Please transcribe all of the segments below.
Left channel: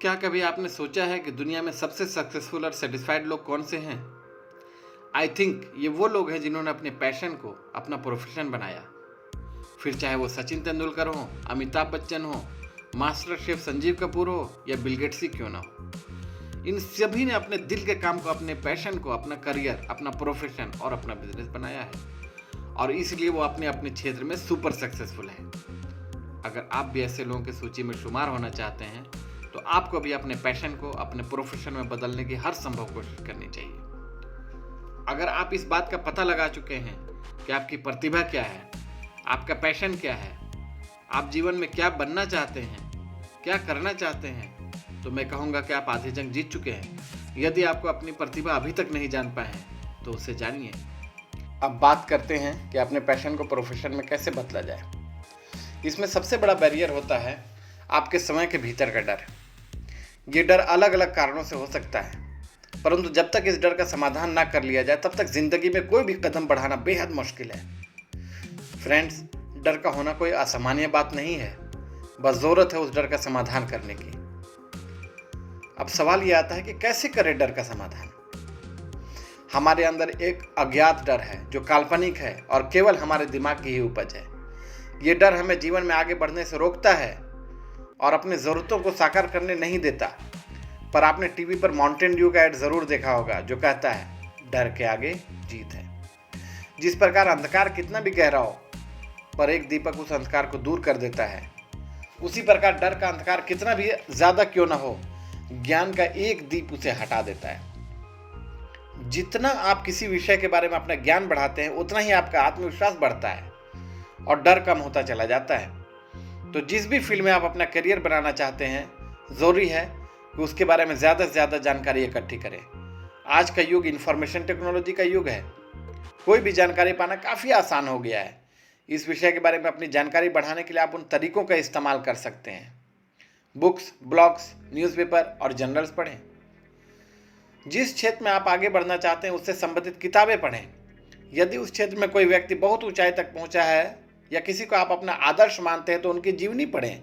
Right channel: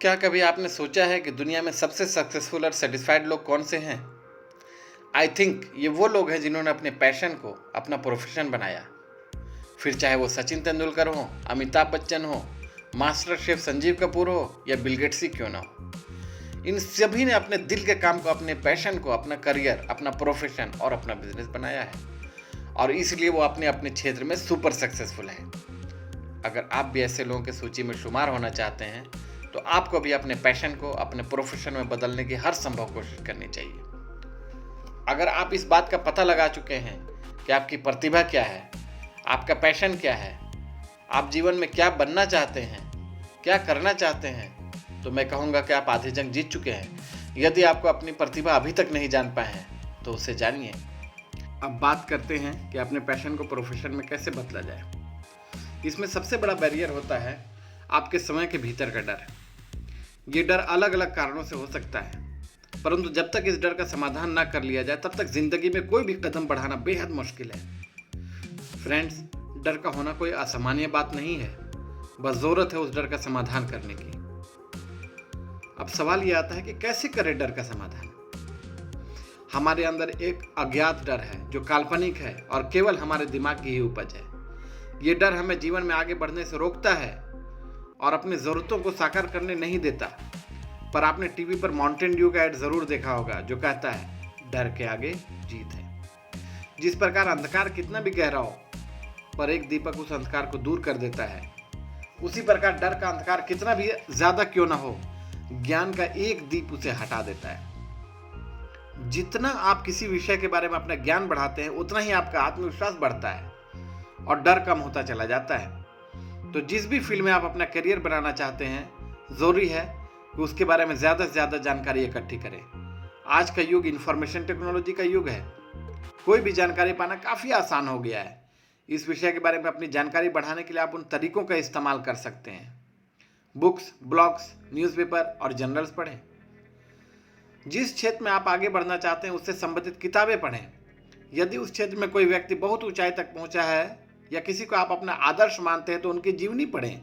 क्या कभी आपने सोचा है कि दुनिया में सबसे सक्सेसफुल और सेटिस्फाइड लोग कौन से हैं? आई थिंक ये वो लोग हैं जिन्होंने अपने पैशन को अपना प्रोफेशन बनाया। फिर चाहे वो सचिन तेंदुलकर हो, अमिताभ बच्चन हो, मास्टर शेफ संजीव कपूर हो या बिल गेट्स ही क्यों ना हो। इन सभी ने अपने दिल के काम को, अपने पैशन को अपना करियर, अपना प्रोफेशन और अपना बिजनेस बनाया है और इसलिए वो अपने अपने क्षेत्र में सुपर सक्सेसफुल है। अगर आप भी ऐसे लोगों की सूची में शुमार होना चाहते हैं तो आपको भी अपने पैशन को अपने प्रोफेशन में बदलने की हर संभव कोशिश करनी चाहिए। अगर आप इस बात का पता लगा चुके हैं कि आपकी प्रतिभा क्या है, आपका पैशन क्या है, आप जीवन में क्या बनना चाहते हैं, क्या करना चाहते हैं, तो मैं कहूँगा कि आप आधी जंग जीत चुके हैं। यदि आपको अपनी प्रतिभा अभी तक नहीं जान पाए हैं तो उसे जानिए। अब बात करते हैं कि अपने पैशन को प्रोफेशन में कैसे बदला जाए। इसमें सबसे बड़ा बैरियर होता है आपके समय के भीतर का डर। ये डर अलग अलग कारणों से हो सकता है, परंतु जब तक इस डर का समाधान ना कर लिया जाए तब तक जिंदगी में कोई भी कदम बढ़ाना बेहद मुश्किल है। फ्रेंड्स, डर का होना कोई असामान्य बात नहीं है, बस ज़रूरत है उस डर का समाधान करने की। अब सवाल ये आता है कि कैसे करें डर का समाधान। हमारे अंदर एक अज्ञात डर है जो काल्पनिक है और केवल हमारे दिमाग की ही उपज है। ये डर हमें जीवन में आगे बढ़ने से रोकता है और अपनी ज़रूरतों को साकार करने नहीं देता। पर आपने टीवी पर माउंटेन ड्यू का ऐड ज़रूर देखा होगा जो कहता है डर के आगे जीत है। जिस प्रकार अंधकार कितना भी गहरा हो पर एक दीपक उस अंधकार को दूर कर देता है, उसी प्रकार डर का अंधकार कितना भी ज़्यादा क्यों ना हो, ज्ञान का एक दीप उसे हटा देता है। जितना आप किसी विषय के बारे में अपना ज्ञान बढ़ाते हैं उतना ही आपका आत्मविश्वास बढ़ता है और डर कम होता चला जाता है। तो जिस भी फील्ड में आप अपना करियर बनाना चाहते हैं, ज़रूरी है कि उसके बारे में ज़्यादा से ज़्यादा जानकारी इकट्ठी करें। आज का युग इंफॉर्मेशन टेक्नोलॉजी का युग है। कोई भी जानकारी पाना काफ़ी आसान हो गया है। इस विषय के बारे में अपनी जानकारी बढ़ाने के लिए आप उन तरीकों का इस्तेमाल कर सकते हैं। बुक्स, ब्लॉग्स, न्यूज़पेपर और जर्नल्स पढ़ें। जिस क्षेत्र में आप आगे बढ़ना चाहते हैं उससे संबंधित किताबें पढ़ें। यदि उस क्षेत्र में कोई व्यक्ति बहुत ऊंचाई तक पहुंचा है या किसी को आप अपना आदर्श मानते हैं तो उनकी जीवनी पढ़ें।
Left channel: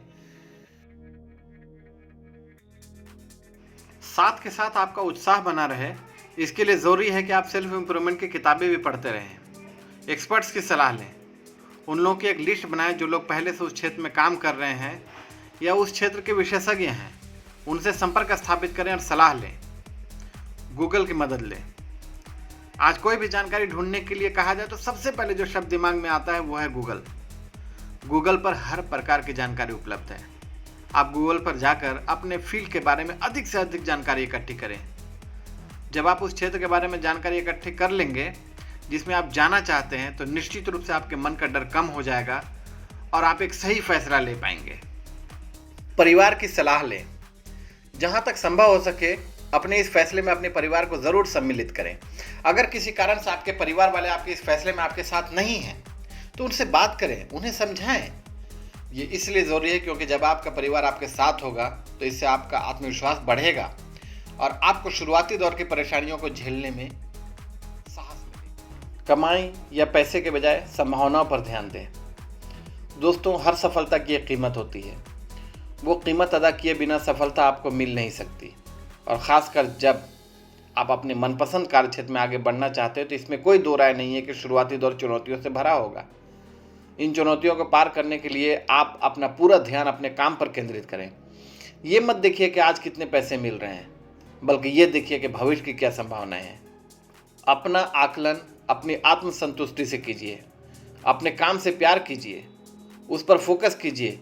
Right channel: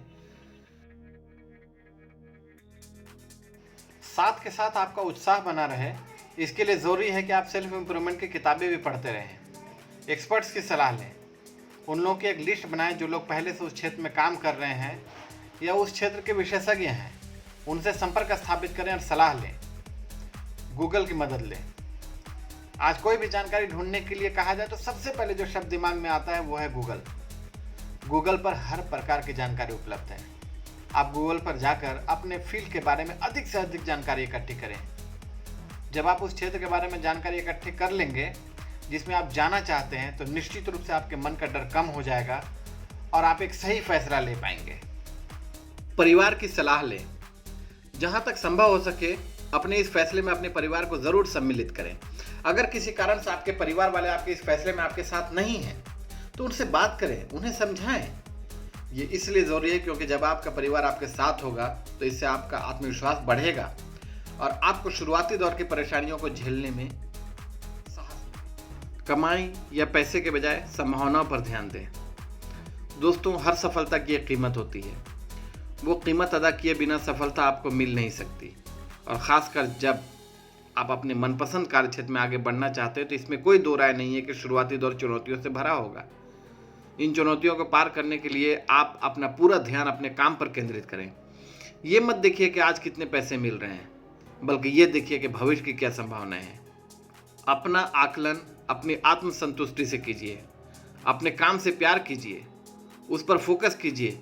साथ के साथ आपका उत्साह बना रहे, इसके लिए ज़रूरी है कि आप सेल्फ इम्प्रूवमेंट की किताबें भी पढ़ते रहें। एक्सपर्ट्स की सलाह लें। उन लोगों की एक लिस्ट बनाएं जो लोग पहले से उस क्षेत्र में काम कर रहे हैं या उस क्षेत्र के विशेषज्ञ हैं। उनसे संपर्क स्थापित करें और सलाह लें। गूगल की मदद लें। आज कोई भी जानकारी ढूंढने के लिए कहा जाए तो सबसे पहले जो शब्द दिमाग में आता है वो है गूगल। गूगल पर हर प्रकार की जानकारी उपलब्ध है। आप गूगल पर जाकर अपने फील्ड के बारे में अधिक से अधिक जानकारी इकट्ठी करें। जब आप उस क्षेत्र के बारे में जानकारी इकट्ठी कर लेंगे जिसमें आप जाना चाहते हैं तो निश्चित रूप से आपके मन का डर कम हो जाएगा और आप एक सही फैसला ले पाएंगे। परिवार की सलाह लें। जहाँ तक संभव हो सके अपने इस फैसले में अपने परिवार को ज़रूर सम्मिलित करें। अगर किसी कारण से आपके परिवार वाले आपके इस फैसले में आपके साथ नहीं हैं तो उनसे बात करें, उन्हें समझाएं। ये इसलिए ज़रूरी है क्योंकि जब आपका परिवार आपके साथ होगा तो इससे आपका आत्मविश्वास बढ़ेगा और आपको शुरुआती दौर की परेशानियों को झेलने में साहस मिलेगा। कमाई या पैसे के बजाय संभावनाओं पर ध्यान दें। दोस्तों, हर सफलता की एक कीमत होती है। वो कीमत अदा किए बिना सफलता आपको मिल नहीं सकती और ख़ासकर जब आप अपने मनपसंद कार्यक्षेत्र में आगे बढ़ना चाहते हैं तो इसमें कोई दो राय नहीं है कि शुरुआती दौर चुनौतियों से भरा होगा। इन चुनौतियों को पार करने के लिए आप अपना पूरा ध्यान अपने काम पर केंद्रित करें। ये मत देखिए कि आज कितने पैसे मिल रहे हैं, बल्कि ये देखिए कि भविष्य की क्या संभावनाएं हैं। अपना आकलन अपनी आत्मसंतुष्टि से कीजिए। अपने काम से प्यार कीजिए, उस पर फोकस कीजिए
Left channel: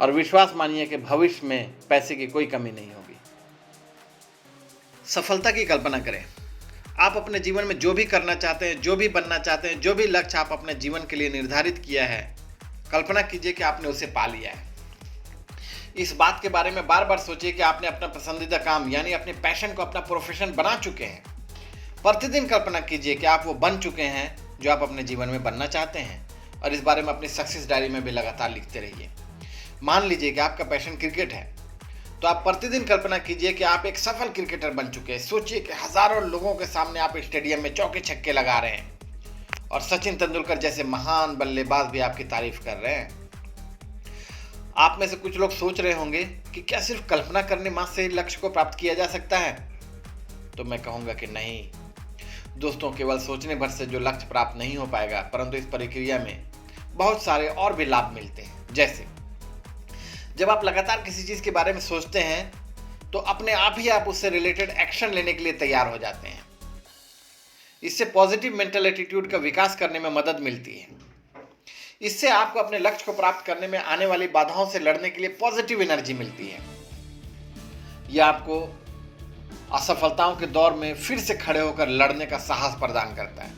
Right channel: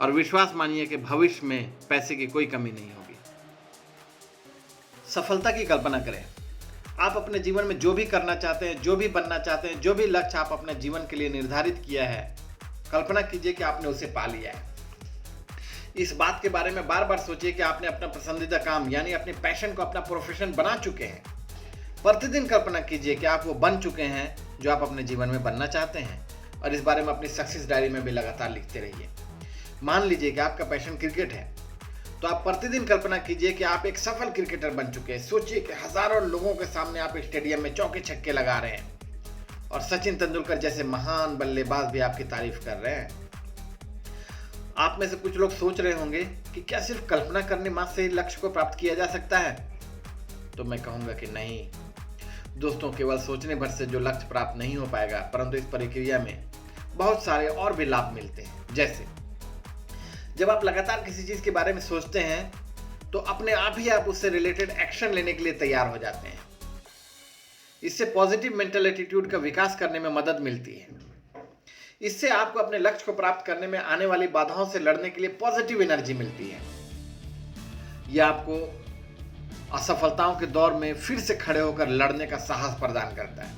और विश्वास मानिए कि भविष्य में पैसे की कोई कमी नहीं होगी। सफलता की कल्पना करें। आप अपने जीवन में जो भी करना चाहते हैं, जो भी बनना चाहते हैं, जो भी लक्ष्य आप अपने जीवन के लिए निर्धारित किया है, कल्पना कीजिए कि आपने उसे पा लिया है। इस बात के बारे में बार बार सोचिए कि आपने अपना पसंदीदा काम यानी अपने पैशन को अपना प्रोफेशन बना चुके हैं। प्रतिदिन कल्पना कीजिए कि आप वो बन चुके हैं जो आप अपने जीवन में बनना चाहते हैं और इस बारे में अपनी सक्सेस डायरी में भी लगातार लिखते रहिए। मान लीजिए कि आपका पैशन क्रिकेट है तो आप प्रतिदिन कल्पना कीजिए कि आप एक सफल क्रिकेटर बन चुके हैं। सोचिए कि हजारों लोगों के सामने आप स्टेडियम में चौके छक्के लगा रहे हैं और सचिन तेंदुलकर जैसे महान बल्लेबाज भी आपकी तारीफ कर रहे हैं। आप में से कुछ लोग सोच रहे होंगे कि क्या सिर्फ कल्पना करने मात्र से लक्ष्य को प्राप्त किया जा सकता है? तो मैं कहूँगा कि नहीं दोस्तों, केवल सोचने भर से जो लक्ष्य प्राप्त नहीं हो पाएगा, परंतु इस प्रक्रिया में बहुत सारे और भी लाभ मिलते हैं। जैसे जब आप लगातार किसी चीज़ के बारे में सोचते हैं तो अपने आप ही आप उससे रिलेटेड एक्शन लेने के लिए तैयार हो जाते हैं। इससे पॉजिटिव मेंटल एटीट्यूड का विकास करने में मदद मिलती है। इससे आपको अपने लक्ष्य को प्राप्त करने में आने वाली बाधाओं से लड़ने के लिए पॉजिटिव एनर्जी मिलती है। यह आपको असफलताओं के दौर में फिर से खड़े होकर लड़ने का साहस प्रदान करता है।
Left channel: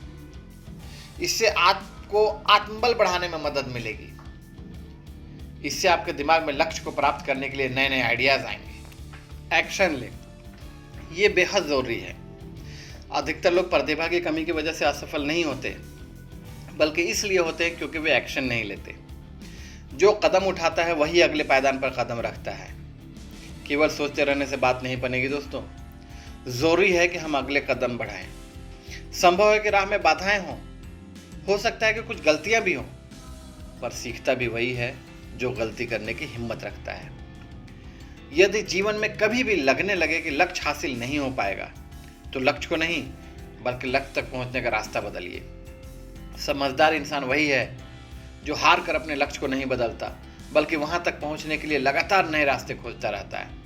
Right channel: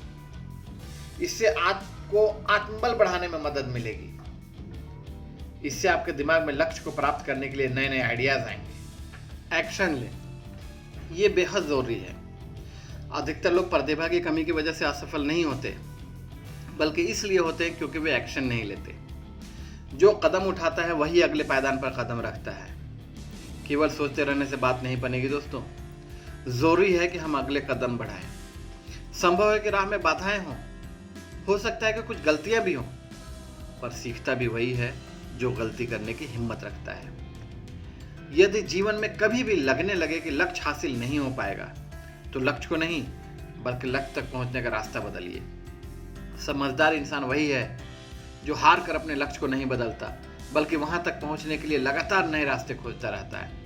इससे आपको आत्मबल बढ़ाने में मदद मिलेगी। इससे आपके दिमाग में लक्ष्य को प्राप्त करने के लिए नए नए आइडियाज आएंगे। एक्शन लें, ये बेहद जरूरी है। अधिकतर लोग प्रतिभा की कमी की वजह से असफल नहीं होते, बल्कि इसलिए होते हैं क्योंकि वे एक्शन नहीं लेते। जो कदम उठाता है वही अगले पायदान पर कदम रखता है। केवल सोचते रहने से बात नहीं बनेगी दोस्तों, जरूरी है कि हम अगले कदम बढ़ाएं। संभव है कि राह में बाधाएं हों, हो सकता है कि कुछ गलतियां भी हों, पर सीखता भी वही है जो गलती करने की हिम्मत रखता है। यदि जीवन में कभी भी लगने लगे कि लक्ष्य हासिल नहीं हो पाएगा, तो लक्ष्य को नहीं बल्कि लक्ष्य तक पहुंचने का रास्ता बदलिए। समझदार इंसान वही है जो हार कर अपने लक्ष्य को नहीं बदलता, बल्कि वहां तक पहुंचने के लिए लगातार नए रास्ते खोजता रहता है।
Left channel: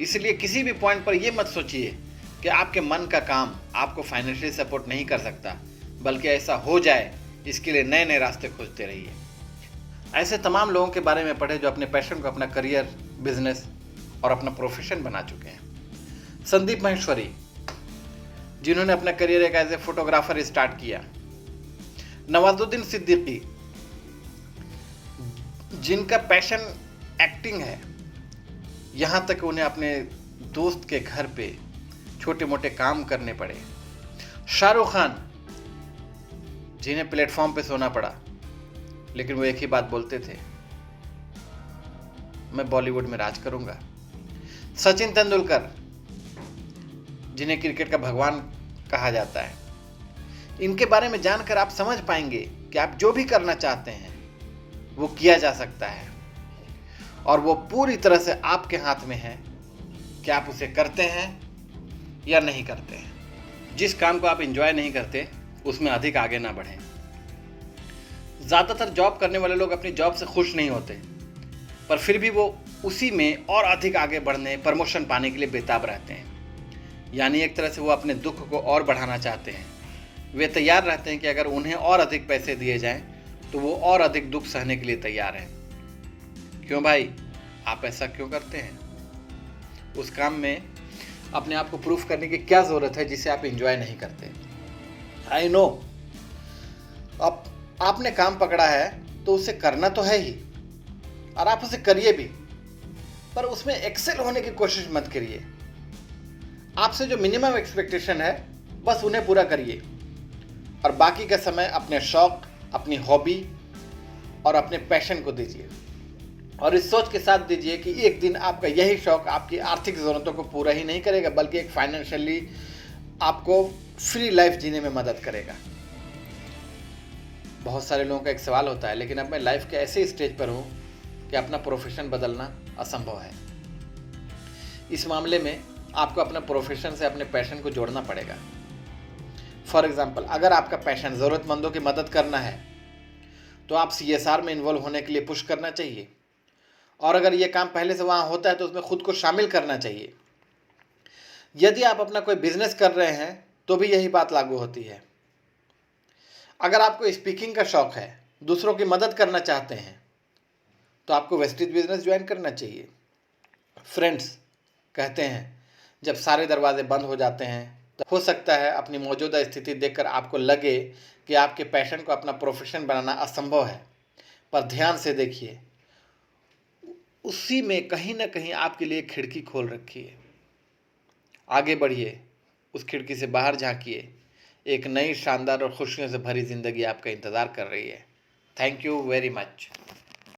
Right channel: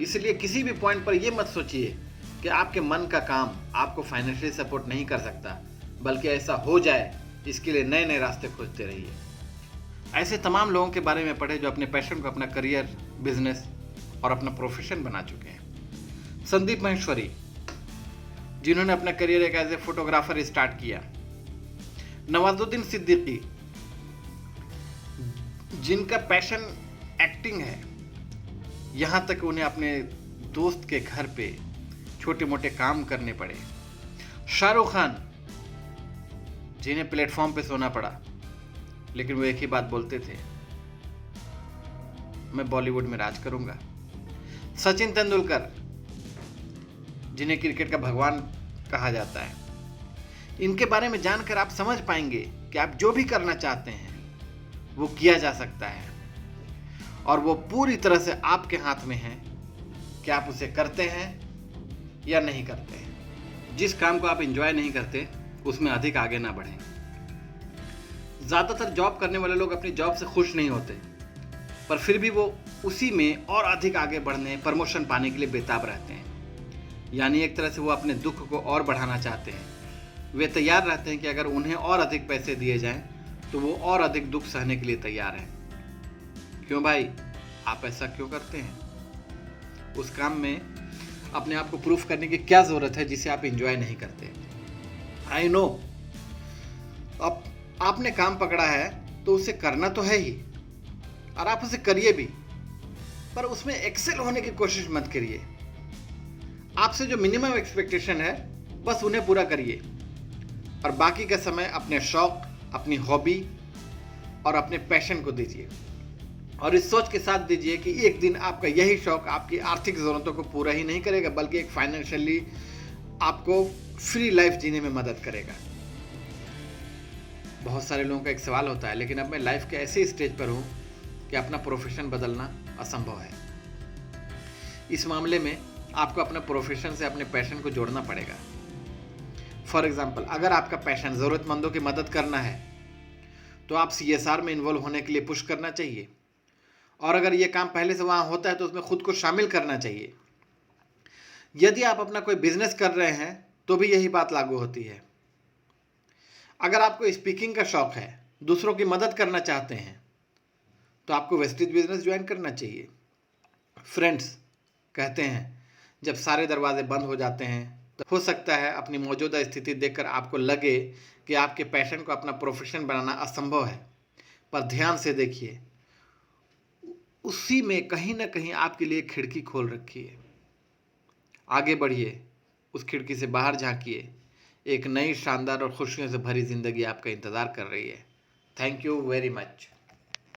इसलिए किसी भी पॉइंट पर यह मत सोचिए कि आपके मन का काम आपको फाइनेंशियली सपोर्ट नहीं कर सकता, बल्कि ऐसा हो जाए इसके लिए नए नए रास्ते खोजते रहिए। ऐसे तमाम लोगों के बारे में पढ़े जो अपने पैशन को अपना करियर, बिजनेस और अपना प्रोफेशन बना चुके हैं। संदीप माहेश्वरी, जिन्होंने अपना करियर एक एज ए फोटोग्राफर स्टार्ट किया। नवाजुद्दीन सिद्दीकी, जिनका पैशन एक्टिंग है, यहां तक उन्हें अपने दोस्त के घर पे छोटे मोटे काम करने पड़े। शाहरुख खान, जिन्हें प्लेटफॉर्म पे सोना पड़ा, लेकिन वो एक ही बात बोलते थे, मैं बॉलीवुड में राज करूंगा। सचिन तेंदुलकर, जिन्हें क्रिकेट का भगवान कहा जाता है, इनके बारे में जानकर आप समझ पाएंगे कि आप जो भी करना चाहते हैं वो किया जा सकता है, और वो पूरी तरह से आपके हाथ में है कि आप उसे करते हैं या नहीं करते हैं। जिस काम को आप एंजॉय नहीं करते उसमें अधिक आगे ना बढ़ें। ज़्यादातर जॉब करने वाले लोग अपनी जॉब से खुश नहीं होते, पर फिर भी वो उसी में और अधिक आगे बढ़ने, प्रमोशन पाने के लिए बेताब रहते हैं। यानी एक तरह से वो अपने दुख को और बढ़ाना चाहते हैं। वे तैयार रहते हैं कि अगर उन्हें और अधिक पैसे दिए जाएं तो वो और अधिक दुख सहने के लिए तैयार हैं। क्यों भाई, आप ऐसा क्यों करते हैं? उस काम में अपने आप को प्रूफ करने की क्या ज़रूरत है जिसे आप एंजॉय नहीं करते? आई नो, अब आपने काम पकड़ा है तो उसे करना तो है ही, और आप उसे करिए भी, पर उसमें एक्सेल होने की कोशिश मत करिए। आपसे जो मिनिमम एक्सपेक्टेशन है बस उन्हें पूरा करिए, और बाकी का समय अपने शौक, अपनी हॉबी और अपने पैशन को दीजिए। और इस सोच के साथ दीजिए कि एक दिन आपका यही शौक आपकी आर्थिक ज़रूरतों को पूरा ही नहीं करेगा, बल्कि एक फाइनेंशियली आपको फ्री लाइफ जीने में मदद करेगा। बहुत सारे लोगों का एक सवाल होता है, लेकिन अब मैं लाइफ के ऐसे स्टेज पर हूँ कि अपना प्रोफेशन बदलना असंभव है। इस मामले में आपको अपना प्रोफेशन से अपने पैशन को जोड़ना पड़ेगा। फॉर एग्जाम्पल, अगर आपका पैशन ज़रूरतमंदों की मदद करना है तो आप CSR में इन्वॉल्व होने के लिए पुश करना चाहिए, और अगर ये काम पहले से वहाँ होता है तो उसमें खुद को शामिल करना चाहिए। यदि आप अपना कोई बिजनेस कर रहे हैं तो भी यही बात लागू होती है। अगर आपको स्पीकिंग का शौक है, दूसरों की मदद करना चाहते हैं, तो आपको वेस्टेज बिजनेस ज्वाइन करना चाहिए। फ्रेंड्स कहते हैं जब सारे दरवाजे बंद हो जाते हैं तो हो सकता है अपनी मौजूदा स्थिति देखकर आपको लगे कि आपके पैशन को अपना प्रोफेशन बनाना असंभव है, पर ध्यान से देखिए, उसी में कहीं ना कहीं आपके लिए खिड़की खोल रखी है। आगे बढ़िए, उस खिड़की से बाहर झांकिए, एक नई शानदार और खुशियों से भरी जिंदगी आपका इंतज़ार कर रही है। Thank you very much.